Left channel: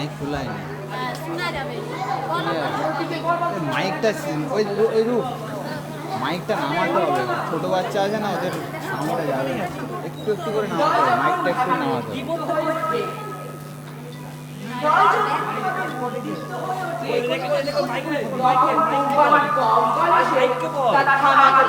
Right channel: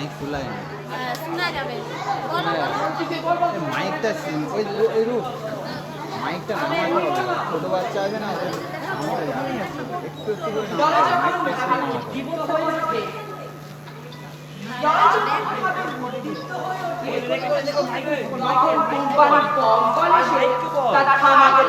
Mic খোলাই না, শোনা যাবে মাইকটা ওই ওই রূপ মাইকটা নামাতে হবে, ছোটো বাচ্চা আছে না, এদের সামনে যাবে না, একটু একটু করে নামাতে হবে, মাইকটা একটু নামাতে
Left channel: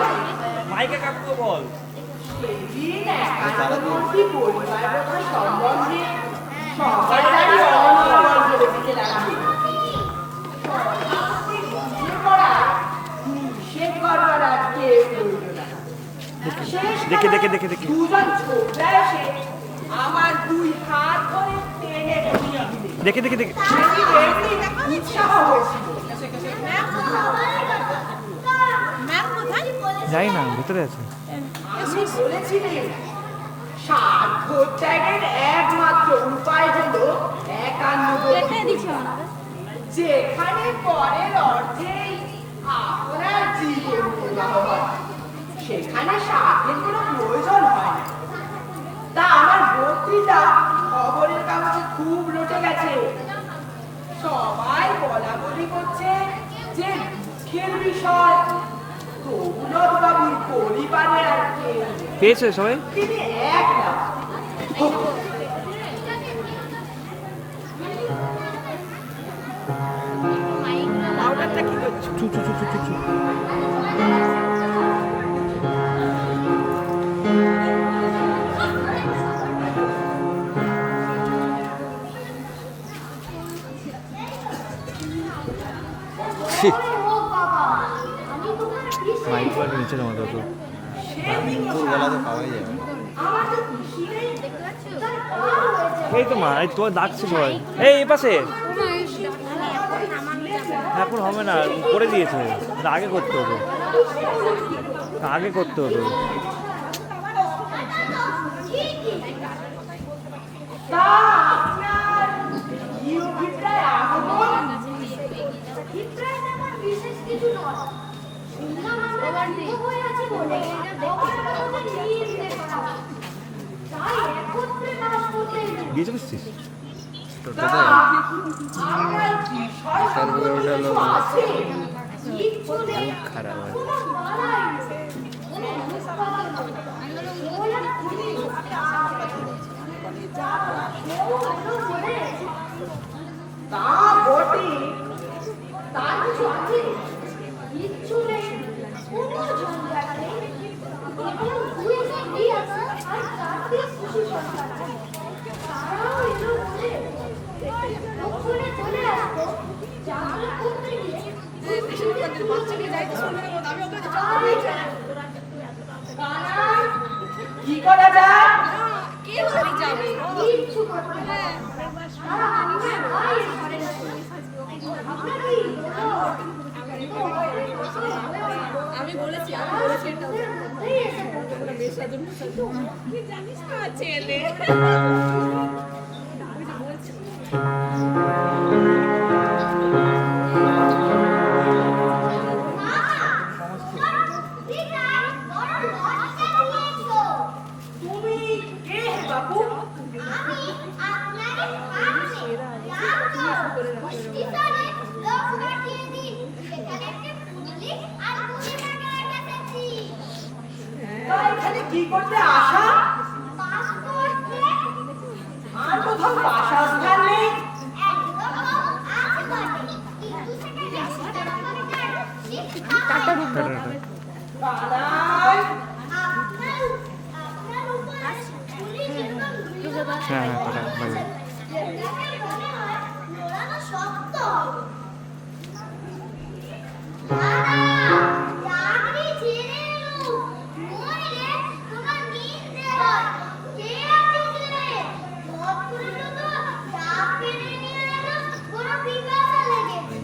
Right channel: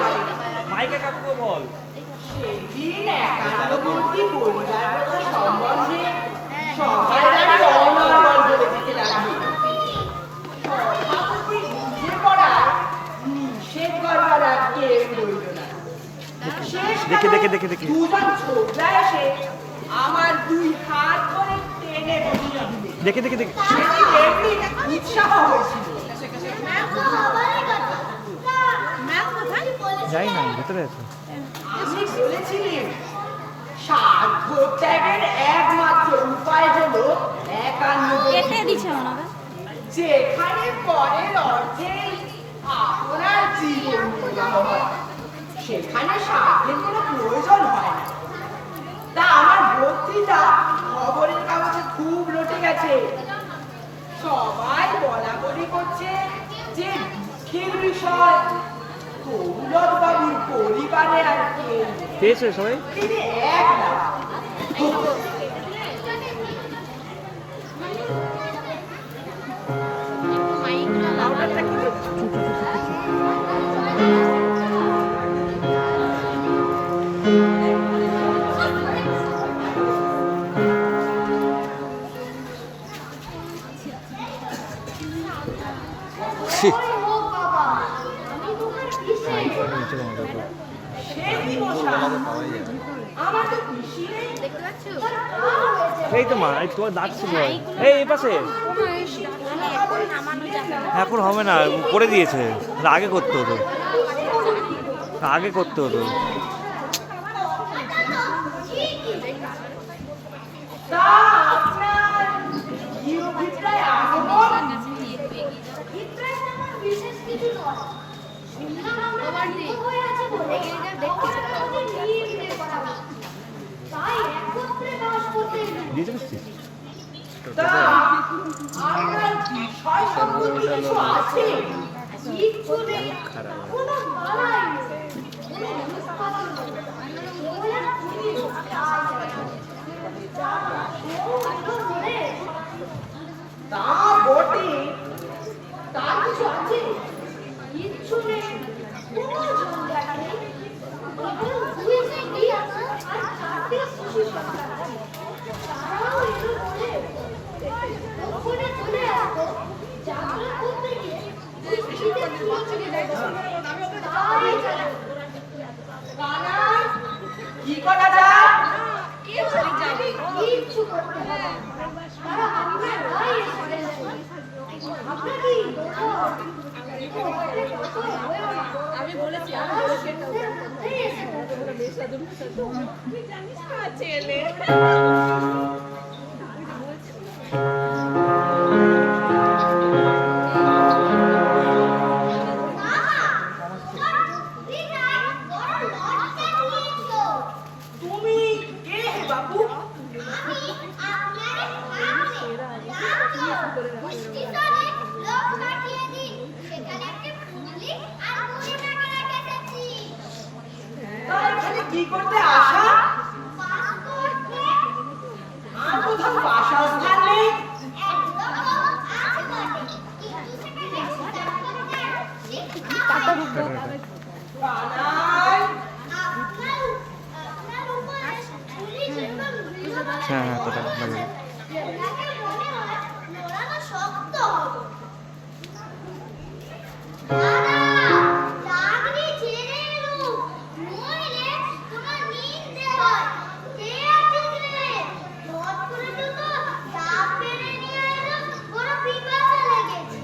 হবে। মাইকে কাকু বল দেখে দেখে দেখে দেখে আমার দুই হাত ধরে টেনে বসিয়ে দিলে দেখে দেখে দেখে সেটি এমনি উৎসাহ হয়েছিল। যাই না, ভেতরে আছে। আমি বলেছিলাম স্বার্থ ত্যাগের একমাত্র উপায় হলো কেটে দিচ্ছে একান্নবর্তী, মনে হয়। যেখানে পরের অর্থেই আপনার জীবন প্রবাহ হয়, সেখানে স্বার্থের কোনো প্রয়োজন হয় না। তা আমার বক্তৃতা খবরের কাগজে খুব রটে গেছে, সবাই বলা বলি করছে যে দুঃখের বিষয় দৌলত বাবুর পরিবারে আর কেউ নেই। পেয়েছে সবাই? তিনি একলা। মাইক নিচে জমা যাবে। দুপুরবেলাতে পাওয়াই যাবে। এই তো মা, এই তোর ডাকছে সবাই, এই পাশে। এখন হবে না, করে দিয়েছে, আগে করতে হতো, আগে করতে হতো। তা আপনার কি অভিপ্রায় আগমন? অভিপ্রায় তেমন বিশেষ কিছু নয়। শুনলাম আমরা বাড়িতে হয়ে আছে বলে আমাদের নিয়ে করা হয়। তাই একত্রে বাস করতে দিয়েছে বুঝছিস? তা আপনার বিষয় সম্পর্কে কিছু আছে? কিচ্ছু নেই, কোনো বালাই নেই, কোনো অনুষ্ঠান নেই। কেবল এক খুঁটি তা বটে, তার কিছু আছে? কিচ্ছু নেই, কোনো ঝঞ্ঝাট নেই। কেবল দুই চারটি আছে আর চারটি শিশু সন্তান আছে। তারাও এলো বলে দক্ষিণে চলে আসতো, জাগ্রত করতে গিয়ে দুই পিঠে তুলে চলে যাচ্ছে। তাই চলে কানাই, কি করা যায়? কিচ্ছু করতে হবে না। তারা আমরা ভাই এর ঘরে যাবো। আপনাকেই বলো। আমি বলেছি জানিস না ছেলে তুমি কে বাবু? তা এখানে কি করতে আসা? আর কোথাও বাসস্থান নেই? কানাই, হ্যাঁ হ্যাঁ, কথা বাই বাই।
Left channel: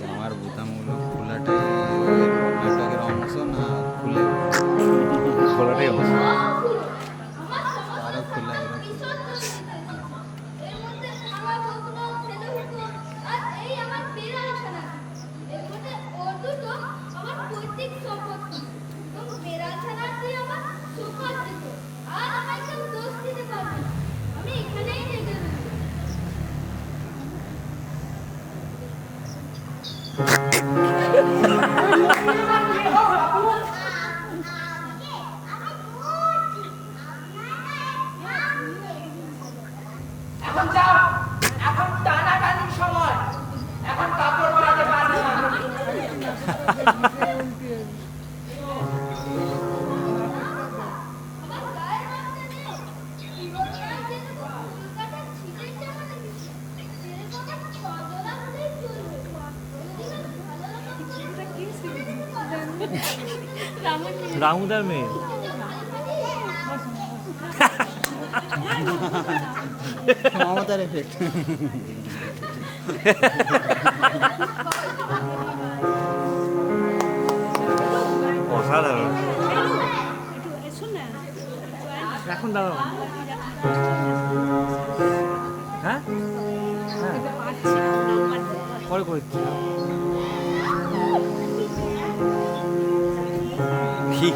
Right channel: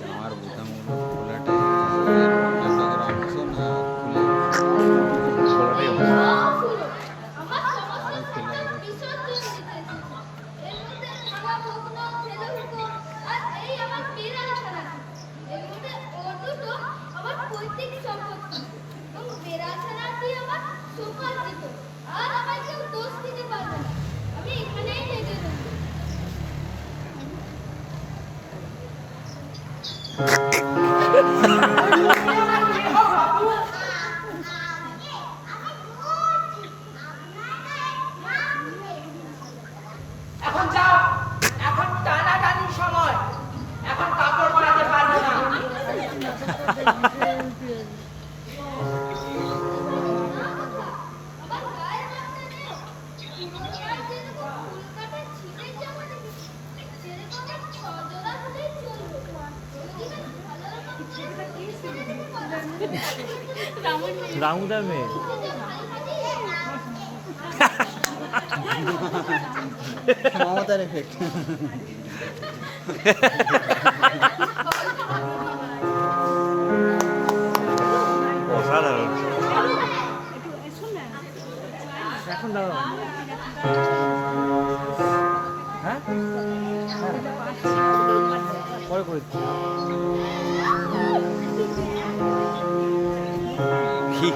জামার বোতামগুলো খোলাটা নেটওয়ার্কের অংশ না খুলে খোলাটাই অবস্থা। আরো খোলা এখন যাও, এখন টানাটানির সময়, এখন কাপড় পরাতে পারবে না। রামুদার মেয়ে মমতার এফেক্ট। অসাধারণ। এখন দাও। হ্যাঁ পরে করছি। ঠিক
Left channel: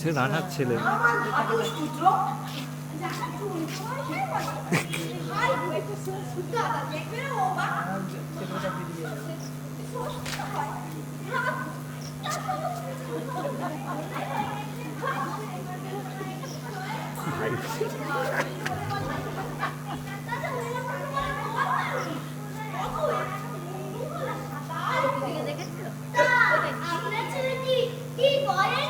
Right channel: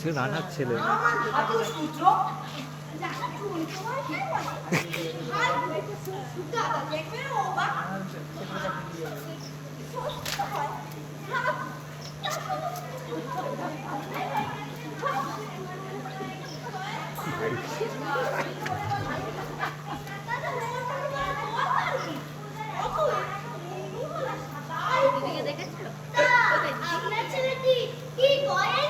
সে রান্নার ছেলে। আপনার ছেলেটি কি করেন?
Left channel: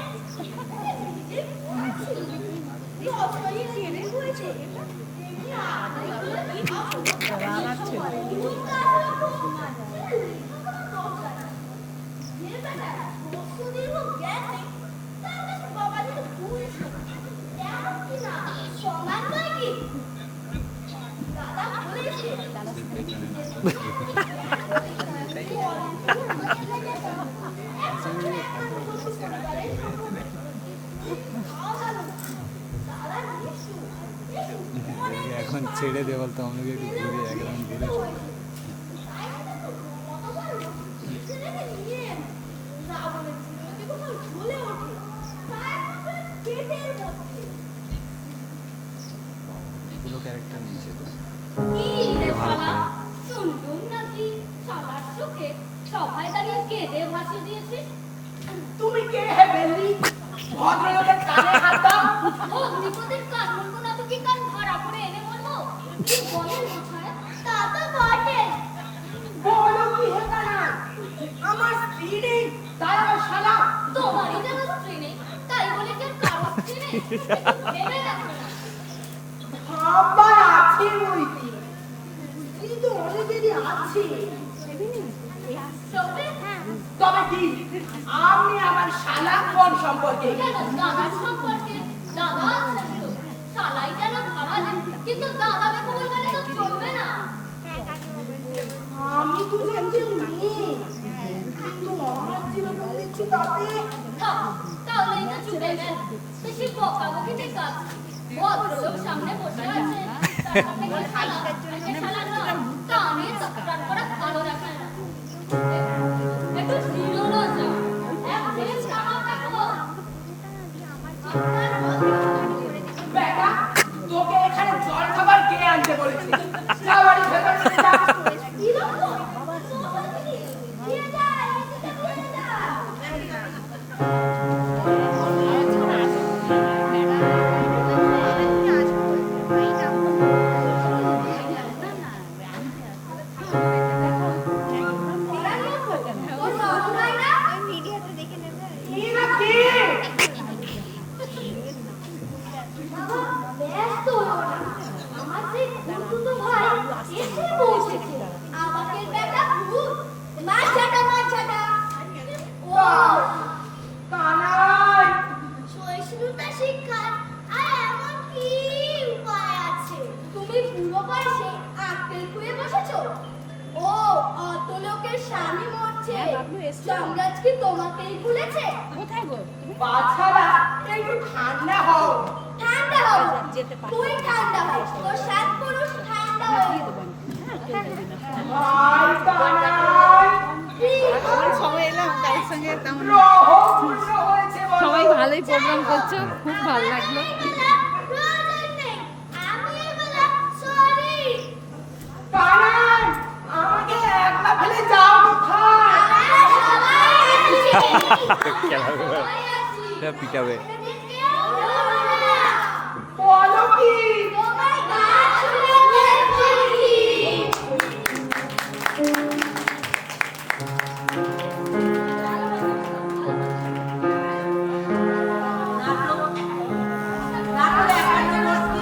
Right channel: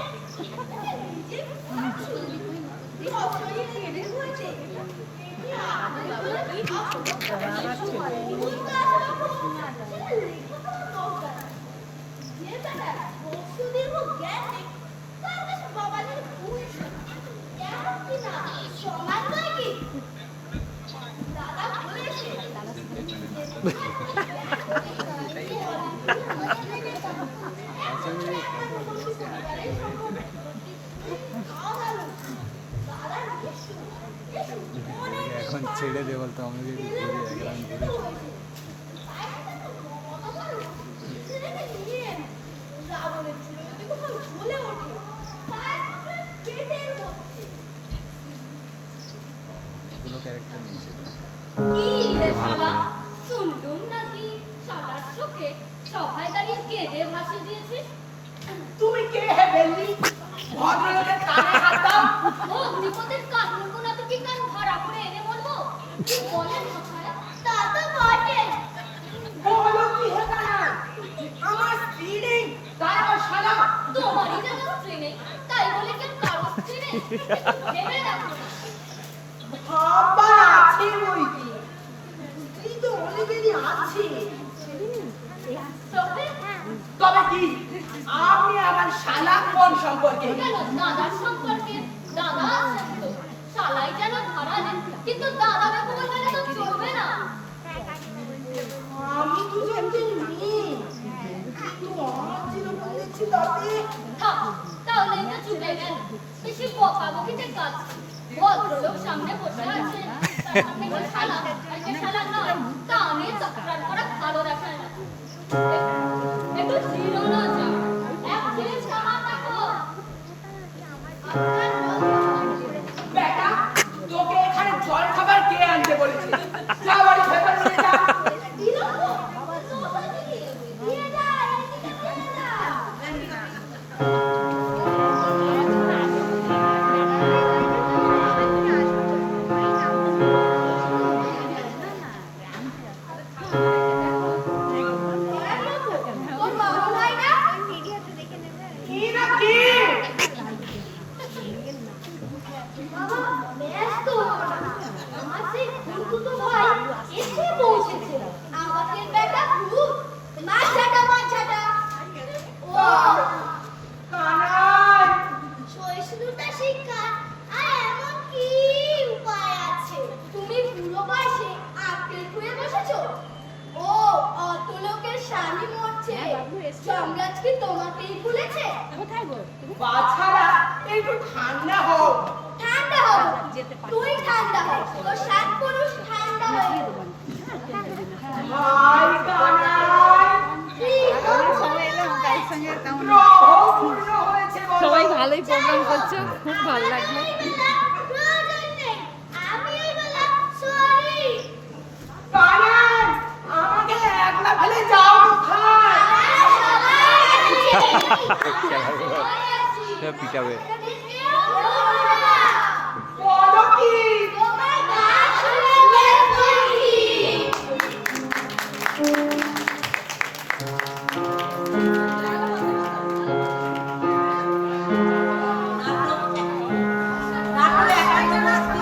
এখন ছেড়ে দে বলতো আমাকে ঘুরে এখন ঘুরে কোনো ক্যারেক্টার নেই সেটা। শুনলুম নাকি সারার চোখে সবাই দাঁড়িয়ে কেঁদে ভাসিয়ে দিয়েছিস। তুমি কে হে বেল্লি? ভদ্রলোকের কানে হাত দাও। ও বিপদের কান বলবো না তো কি কান ভাড়া করে এনে বলবো? কি বলেন কোথায়? তা তো বটে। বলো কি হে কানা? আমার স্ত্রী নেই, তাই আমার শালা। তোমারই যেন স্ত্রী নেই, তাই বলে কি আর কারো স্ত্রী নেই? ভেবে দেখো না। বাবা আছে বইকি। স্ত্রী তো অনেকেরই আছে। তবে তবে কি আপনি আমার শালা কোন সম্পর্কে? কেন দাদার সম্পর্কে? দাদা আছেন তো, শালাই যেন ধরালেন, কিন্তু দাদা দেখো বললে তো চলবে না। আমি তো জানতে নেই। কিন্তু আমার জীবনে বলছি তাতে থাক, তাহলে এটা চুপে গেল। বেশি বকাবকিতে কাজ। ভদ্রলোক সামনে বসে আছেন, তার সামনে কি শালা আর কে শালা নয়, তা নিয়ে তকরার করা ভালো দেখায় না। একটু জিরোনো যাও, এক জিনিস আমার দেখো। বেটা, তোকে এখানে জল খাবার কে আনতে বলেছে? যা বাড়ি ভেতরে যা। দিয়ে যায়, এদিকে দিয়ে যায়। তোর বাবা ভাই না? কি না কি? বাবা, ব্যস্ত হও না। আমার সেই খুড়তুতো ভাই এসে পৌঁছেছে। আমাদের বেটা ভূত, মাছাটা। ও কানাই, সহিষ্ণুতা শিক্ষার আর এমন কি উপায় আছে? তুমি বুড়ো বয়সে আক্কেল খুঁয়ে বসেছো? ও অত লোকের স্বামী মরছে, যমরাজ কি তোমাকেই ভুলেছে? বাছারা একটু ঠান্ডা হও। ঠান্ডা হও, তুই ঠান্ডা হও, তোর সাত পুরুষ ঠান্ডা হয়ে ভাই কানাই, কি গ্রহ পূর্ণ হয়েছে বলো। সবাই ভালোই প্রোগ্রাম করছে, খুব ভালো লাগলো। প্রয়োজন নেই, আমি এই বললাম সরি। কারণ আমাকে একলা ফেলে যাও পিটাবে। বলো কি